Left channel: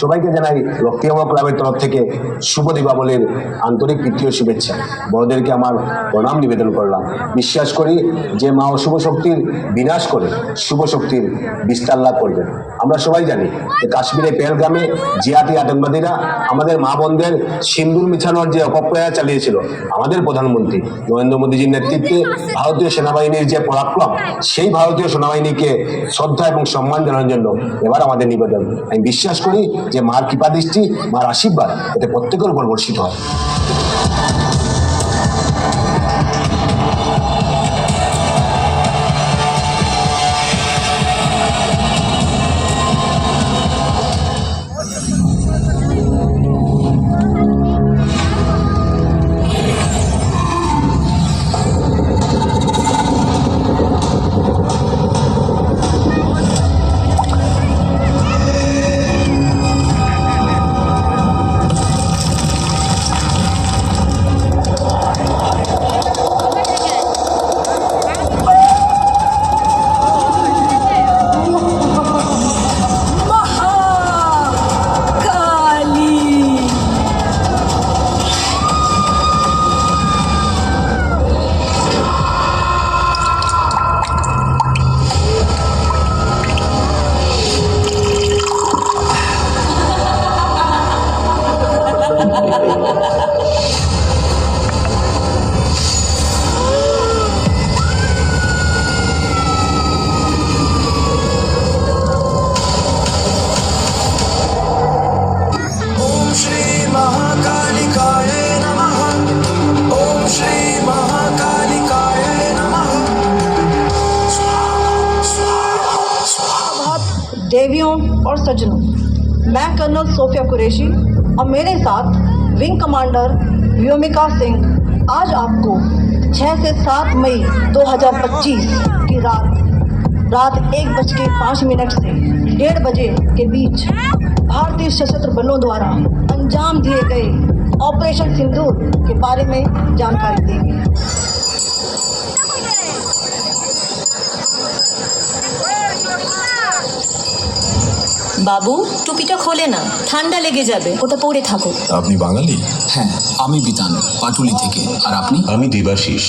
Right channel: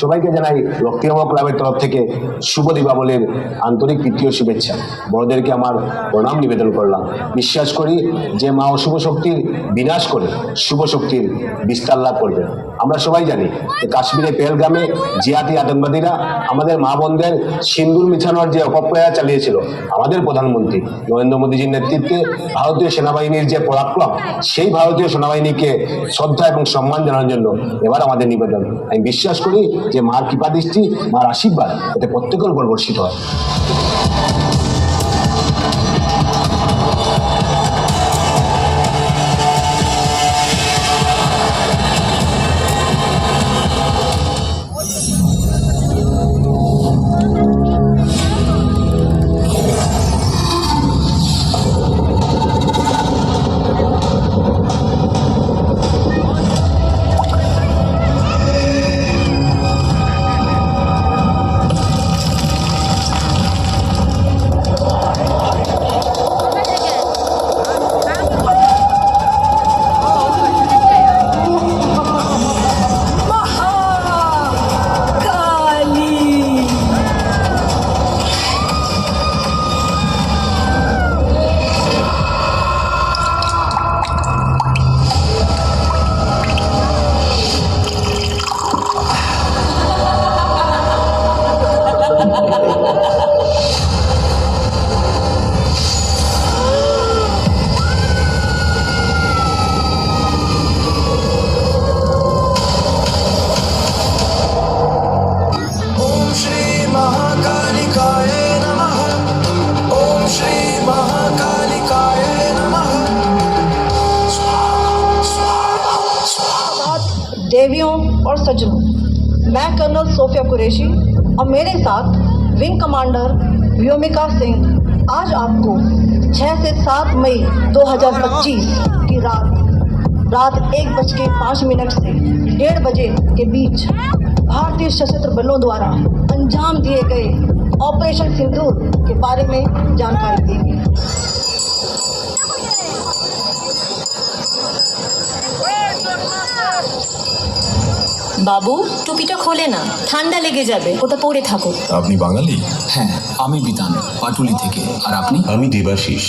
সবাইকে জানাই রক্তিম ক্লাবের তরফ থেকে শুভ দীপাবলির আন্তরিক প্রীতীয় শুভেচ্ছা। বড়দেরকে আমার প্রণাম নিবেদন করলাম। বিশ্বাস করি যে মা অশুভ শক্তির বিনাশ করে শুভ শক্তির বিস্তার লাভ করবে। আমরা সবাই জানি যে কাশ্মীরের পেহেলগামে জিহাদি আতঙ্কবাদীরা আমাদের মা বোনদের সিন্দুর মিছানোর যে অপপ্রয়াস চালিয়েছিল, আমাদের প্রধানমন্ত্রী নরেন্দ্র মোদীজির নেতৃত্বে ভারতীয় সেনাবাহিনীর যে পরাক্রম, সেই ভারতীয় সেনাবাহিনীকে শ্রদ্ধা এবং সম্মান জানানোর জন্য এবার আমাদের নিবেদন। আমি বিশ্বাস করি যে মার কৃপা দৃষ্টি, মার আশীর্বাদ এতে প্রত্যেকের উপর বর্ষিত হয়। देवियों और सज्जनों, मैं कर्नल सोफिया कुरैशी और मेरे साथ विंग कमांडर व्योमिका सिंह आज आपको 6 से 7 मई 2025 की रात 1:05 से 1:30 बजे के बीच भारतीय सशस्त्र बलों द्वारा अंजाम दिए गए ऑपरेशन सिंदूर के बारे में जानकारी देंगे। বাবু, টুপিটা খোলে না, ঠান্ডা লেগে যাবে, ওটা পরে থাকো। আপনি বাঙালি? হ্যাঁ, আমি বিতান, পাটুলি থেকে। আর আপনি? আমি দেবাশিস।